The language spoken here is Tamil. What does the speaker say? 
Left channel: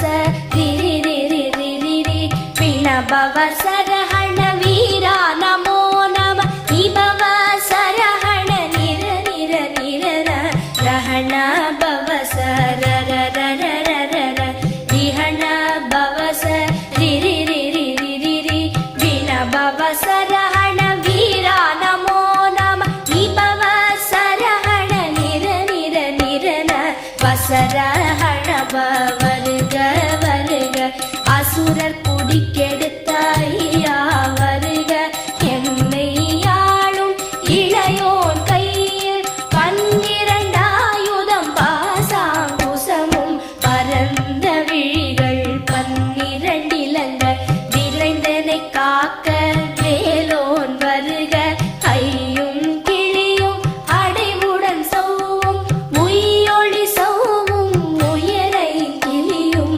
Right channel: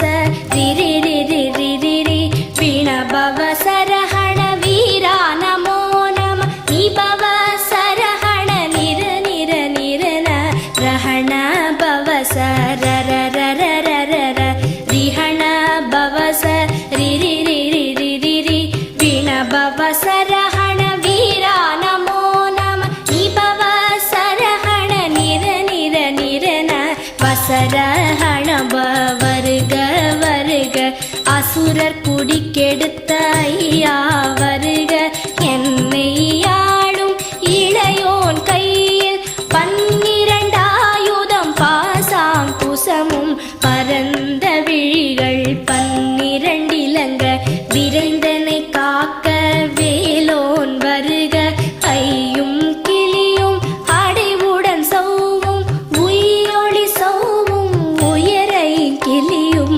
பவச ரிரி ரிரி ரிரி ரி வீண பவசரஹண வீரா நமோ நம நீ பவசரஹண நிர நிர நிரன ரஹண பவச ரர ரர ரர ர ரிஹண பவச ரிரி ரிரி ரிரி ரி வீண பவசரஹண வீரா நமோ நம நீ பவசரஹண நிர நிர நிரன வசரஹண வருக வருக அசுரர் குடிக்கெடுத்த ஐயா